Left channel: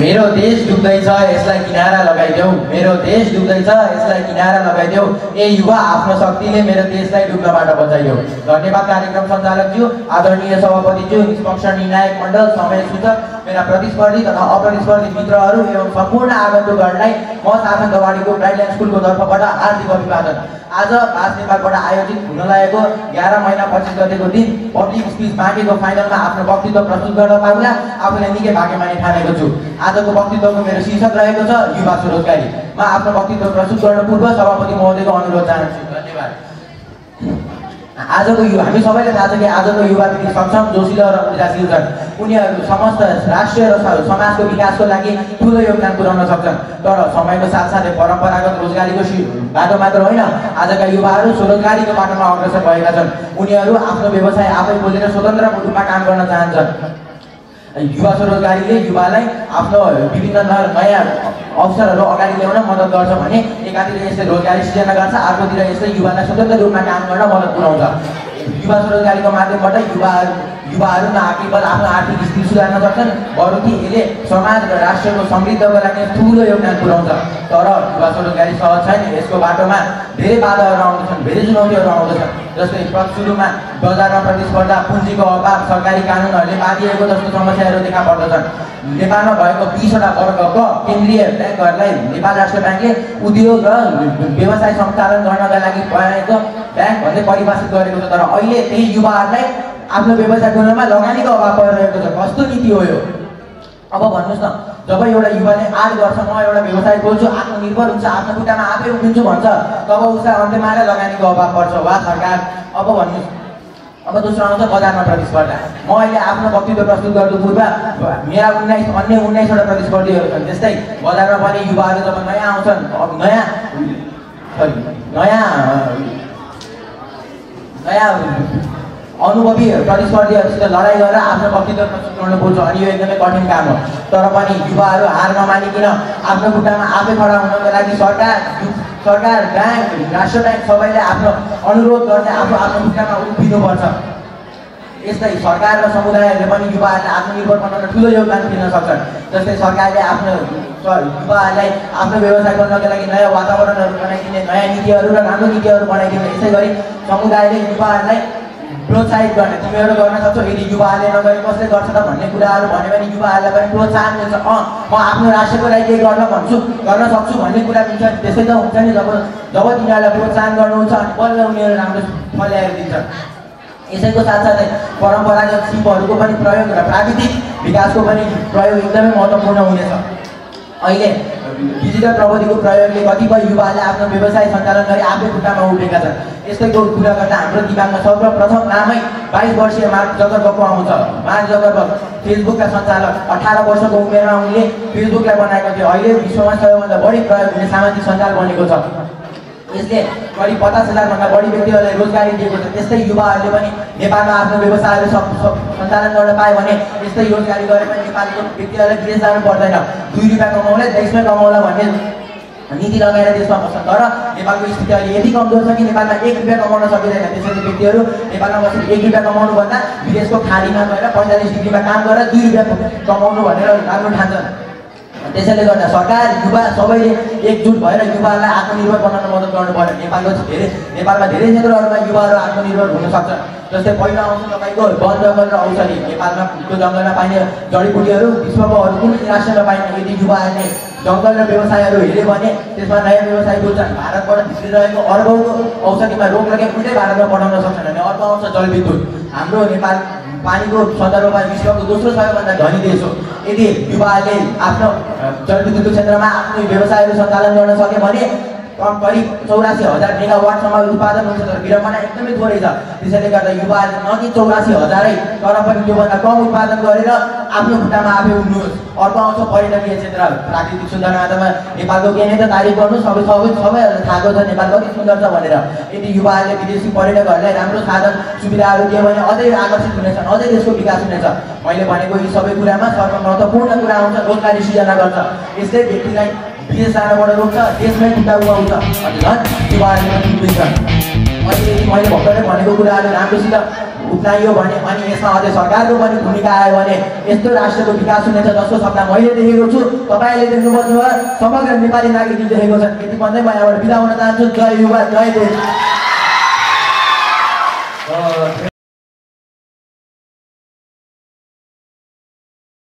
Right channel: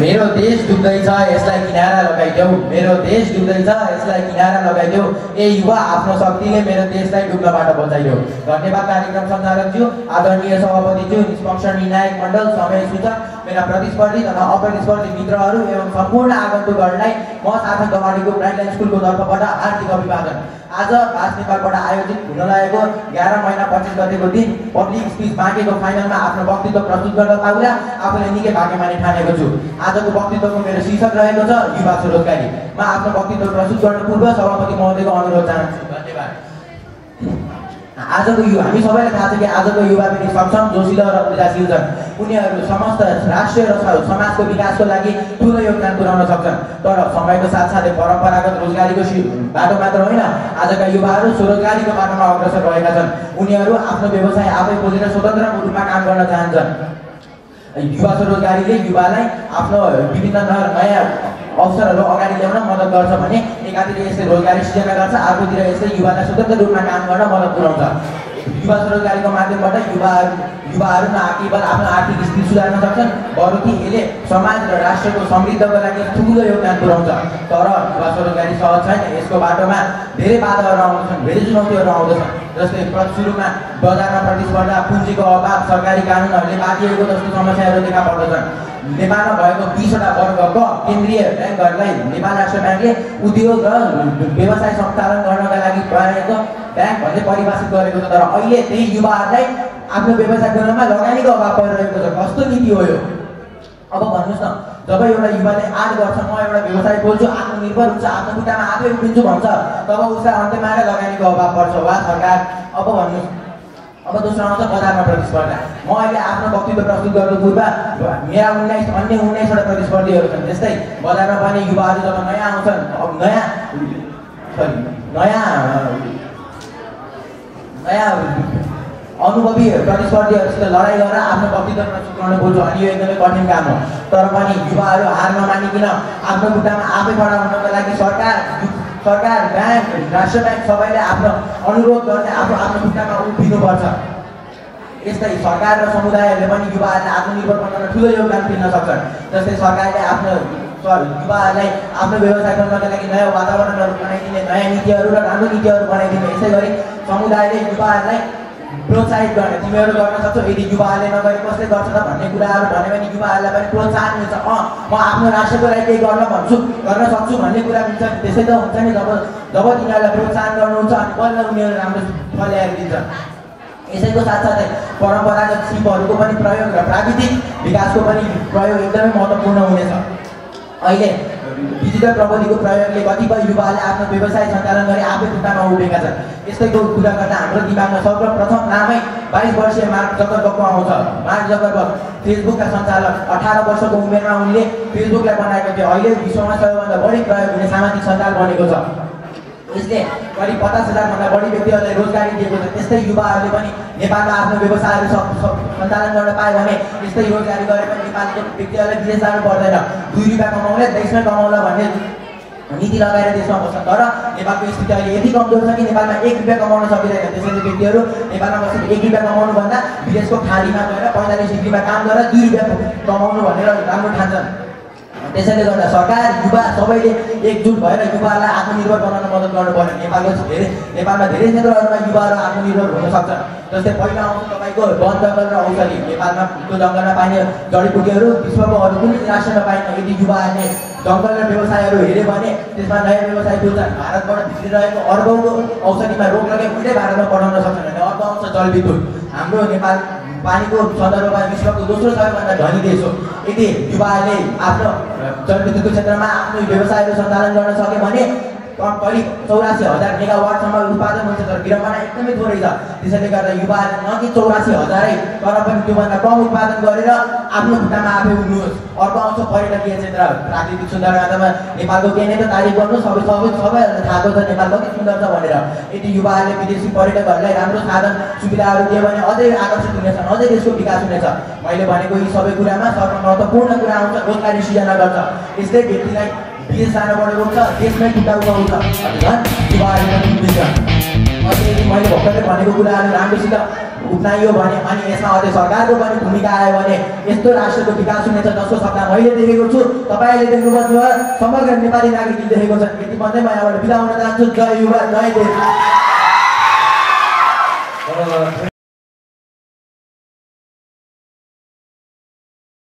मेरो देश डुब्दैछ यसलाई किनारा लगाइदेऊ मेरो देश डुब्दैछ यसलाई किनारा लगाइदेऊ ए युवा आफ्नो शक्तिले मेरो देशलाई डुब्नबाट बचाइदेऊ। धन्यवाद कार्यक्रम सञ्चालकज्यू, आदरणीय सभापतिज्यू, निष्पक्ष निर्णायक मण्डल, समय सूचक, मेरा प्रतिस्पर्धी तथा अप्रतिस्पर्धी मित्रहरू एवं सम्पूर्ण आगन्तुकहरूलाई म साधन गवाडीको गाइडलाइन स्कुलको तर्फबाट हार्दिक अभिवादन। आज भाष नेपालबाट आयोजित हुन लागेको 11 महिना 25 गतेको दिन पब्लिक स्पिच बाँकेको फाइनलमा आफ्नो वक्तव्य प्रस्तुत गर्न पाउँदा आफूलाई निकै भाग्यमानी ठानेको छु। आजको वक्तव्यको मेरो शीर्षक रहेको छ युवा स्वरोजगारी। म आफ्नो वक्तव्य प्रस्तुत गर्न पूर्व सभापति महोदयको अनुरोध चाहन्छु। धन्यवाद। आजको युवा, हामी सबैलाई थाहा छ कि आजको युवा पिँढी सक्षम, जोसिलो र ऊर्जाशील छन्। उनीहरू समस्त राष्ट्रिय र समाजको विकासको लागि ठुलो योगदान पुर्याउन सक्छन्। तर समयको साथसाथै परम्परागत रोजगारीको बाटो मात्र होइन, आजका युवाहरू स्वरोजगारीको बाटोमा अग्रसर भएका छन्। उनीहरू आफ्नो व्यवसाय आफै खोलेर स्वतन्त्र रूपमा काम गर्न चाहन्छन्। युवा स्वरोजगारीले युवालाई आफ्नो विभिन्न नयाँ अवसरहरू अगाडि ल्याउन मद्दत गर्छ भने एकातिर यसले रोजगारी सृजना गर्छ, अर्कोतिर यसले युवालाई स्वतन्त्र रूपमा काम गर्न मद्दत पुर्याउँछ। युवा स्वरोजगारीको माध्यमबाट युवाहरू न केवल आफ्नो आर्थिक स्थिति सुधार्न सक्छन्, बरु कि यसले समाज र राष्ट्रको समृद्धिको लागि ठुलो योगदान पुर्याउँछ। तर युवा स्वरोजगारी सहज छैन, यसको बाटोमा धेरै बाधाहरू आउँदछन्, धेरै चुनौतीहरू आउँदछन्। जस्तै सुरुमा बजारमा प्रतिस्पर्धा, पुँजीको अभाव, सरकारी कानुनहरूले बाँधिएको जस्तो समस्याहरू देखा पर्दछन्। नेपालमा भएको 20वटा वर्गको केन्द्रीय ब्याङ्कहरूलाई नेपाल राष्ट्र ब्याङ्कले उद्योग र व्यवसाय सञ्चालन गर्नका लागि प्रयास ब्याङ्क भन्दै परिभाषित गरेको छ। तर अहिले त्यही युवाहरूलाई आफ्नो व्यवसाय खोल्नमा लगानीको अभाव परिरहेको छ। कस्तो नीति हो यो? अब भन्नुहोस् न, जब एउटा युवाले 8 वर्ष म एउटा व्यवसाय खोल्छु, आत्मनिर्भर हुन्छ, आफ्नो खुट्टामा आफै उभिन्छु भन्छ, तब उसलाई अन्त्यमा आएर लगानीको अभाव पर्छ। वा सरकार, अब भन्नुहोस्। अब दोस्रो आउँछ बजारमा प्रतिस्पर्धा। म अहिले आफ्नो वक्तव्य प्रस्तुत गर्नु पूर्व मेरा 19वटा प्रतिस्पर्धीहरू छन्। त्यस्तै बजारमा पनि युवाहरू जब नयाँ आउँछन्, नयाँ अनुभवी प्रतिस्पर्धीहरूसित लडाइँ गरेर आफ्नो वक्तव्य प्रस्तुत गर्नुपर्छ अनि यो एकदमै कठिन काम हो। तर पनि युवाहरू हार नमानिकन आफ्नो खुट्टामा आफै खडा हुनको लागि सरकार, ब्याङ्क, राष्ट्र ब्याङ्क सबैले आफ्नो अनुरोध गर्ने आफ्नो खुट्टामा उभिनुपर्छ। यस्तै सरकार र समुदायहरूले पनि युवाहरूलाई आत्मनिर्भर बनाउन ठुलो योगदान दिन सक्छन्। जस्तै सरकारले आफ्नो युवाहरूलाई आफ्नो व्यवसाय गर्नका लागि नयाँ वातावरणहरू बनाइदिने, नयाँ नीतिहरू र राम्रो नीतिहरू बनाइदिने। यसै गरी समुदायले युवाहरूलाई प्रोत्साहित गर्ने, तिमीहरू गर्न सक्छौ, यदि युवाहरूले नगरे कसले गर्छ त भन्ने कुराहरू भन्यो भने युवाहरूलाई पनि प्रोत्साहन मिल्छ। म आफ्नो राष्ट्रको लागि केही गर्न सक्छु भन्ने कुरा मिल्छ। त्यसै त हुन्छ नि, जब तिनीहरूलाई प्रोत्साहन गर्नुहुन्छ अनि बल्ल उनीहरू राम्रो फल ल्याएर दिन्छन्। यसैको साथसाथै परम्परागत सिपहरूको पनि प्रयोग र प्राविधिक विकासको पनि प्रयोग एकदमै महत्त्वपूर्ण हुनेछ। अहिले डिजिटल प्रविधिको प्रयोगले कतिपय युवाले आफ्नो व्यवसाय सञ्चालन गरी आफै खुट्टामा उभिएका छन्। यस्तैको कुरा गर्दा हाम्रो दिमागमा सर्वप्रथम नामै 22 वर्षीय मार्क जकरबर्गको आउँछ। मार्क जकरबर्ग फेसबुकका सञ्चालक। 18 वर्षको उमेरमा उनले फेसबुकलाई बनाएको थियो। अहिले विश्वमा सबैभन्दा बढी प्रयोग हुने सामाजिक सञ्जाल बनेको छ। यसले करिब 50,000 भन्दा बढी व्यक्तिहरूलाई रोजगारी दिएको छ। त्यस्तै युवाहरूले पनि नेपालमा आफ्नो व्यवसायहरू सञ्चालन गर्न पाए भने यस्तै रोजगारी गरे पनि नेपालको व्यक्तिहरूलाई विदेश जानु पर्दैन। 2 रुपियाँ कमाउला देशमै कमाउला भन्ने नीति लगाएर देशमा बस्छ। तर नेपालको स्थिति अहिले यति कमजोर छ कि नेपालमा 1 रुपियाँ कमाउन सकिँदैन। त्यसैले व्यक्तिहरू नेपालमा बसेर 1 रुपियाँ कमाउनुभन्दा विदेशको खाडीमा गएर 45 डिग्रीमा काम गरेर 2 रुपियाँ कमाउनु भनेर राम्रो ठान्छन्। त्यसैले गर्दा सरकार, युवा सबैले एकजुट भएर युवाहरूलाई आत्मनिर्भर बनाउन मद्दत गर्नु पर्यो। नेपालमा धेरै क्षेत्रहरूमा युवाहरू आत्मनिर्भर हुन सक्छन्। जस्तै पहिलो आउँछ तपाईँको वन जङ्गल र औषधि। नेपालमा त्यो जङ्गलमा पाइने जडीबुटीहरू विश्वको अरू कुनै राष्ट्रमा पाइने। यदि युवाहरूले जङ्गल र व्यवसायहरू हेऱ्यो भने त्यसमा नयाँ व्यवसाय खोल्छन्। भारतबाट भित्रिरहेको अर्बौँको औषधिमा रोक लगाए उल्टै भारतमा पठाउन सक्छन् भने अर्को आउँछ जलविद्युत। हाम्रो नेपाल पानीको सन्दर्भमा विश्वको दोस्रो सबैभन्दा धनी देश हो। यदि युवाहरूले आफ्नो जलविद्युतको क्षेत्रमा आफ्नो व्यवसायहरू सञ्चालन गर्न सक्यो भने करिब 84,000 मेगावाटसम्म उत्पादन हुन्छ। तर विडम्बना एकदमै थोरै छ। त्यसैले गर्दा युवाहरूले न कि 84,000 तर पनि त्योभन्दा कम उत्पादन गरेर आफ्नो खुट्टामा आफै उठ्नुहोस्। अर्को आउँछ पर्यटकीय क्षेत्र। प्राकृतिक सुन्दरतामा नेपालको के नै त तारिफ गर्नु, सबैहरूलाई थाहा छ नेपाल कति सुन्दर छ भनेर। यदि युवाहरूले विदेशी पर्यटकहरूलाई राम्रो साधन सुविधाहरू दियो भने अझै आकर्षित हुनेछन्, अझै देशको विकास हुनेछ। मैले भनेको यी सबै कुरामा सर्वमहत्त्वपूर्ण कुरा आउँछ रोजगारी सृजना गर्छ। यसले व्यक्तिलाई विदेश जानबाट रोक्छ, देशमै खुट्टा उठाउँछ। युवाहरूले मैले भर्खरै भनेको कुराहरू राम्रोसित उठाइयो भने अनि यसमा अझै सरकारको पनि भूमिका आयो भने यस्तो राष्ट्रको विकास हुनेछ जसको सपना मैले देखेको छु, तपाईँले देख्नुभयो, समग्र नेपाली नागरिकले देखेको छ। यति भन्दै म यहाँबाट बिदा हुन चाहन्छु। जय युवा, जय देश।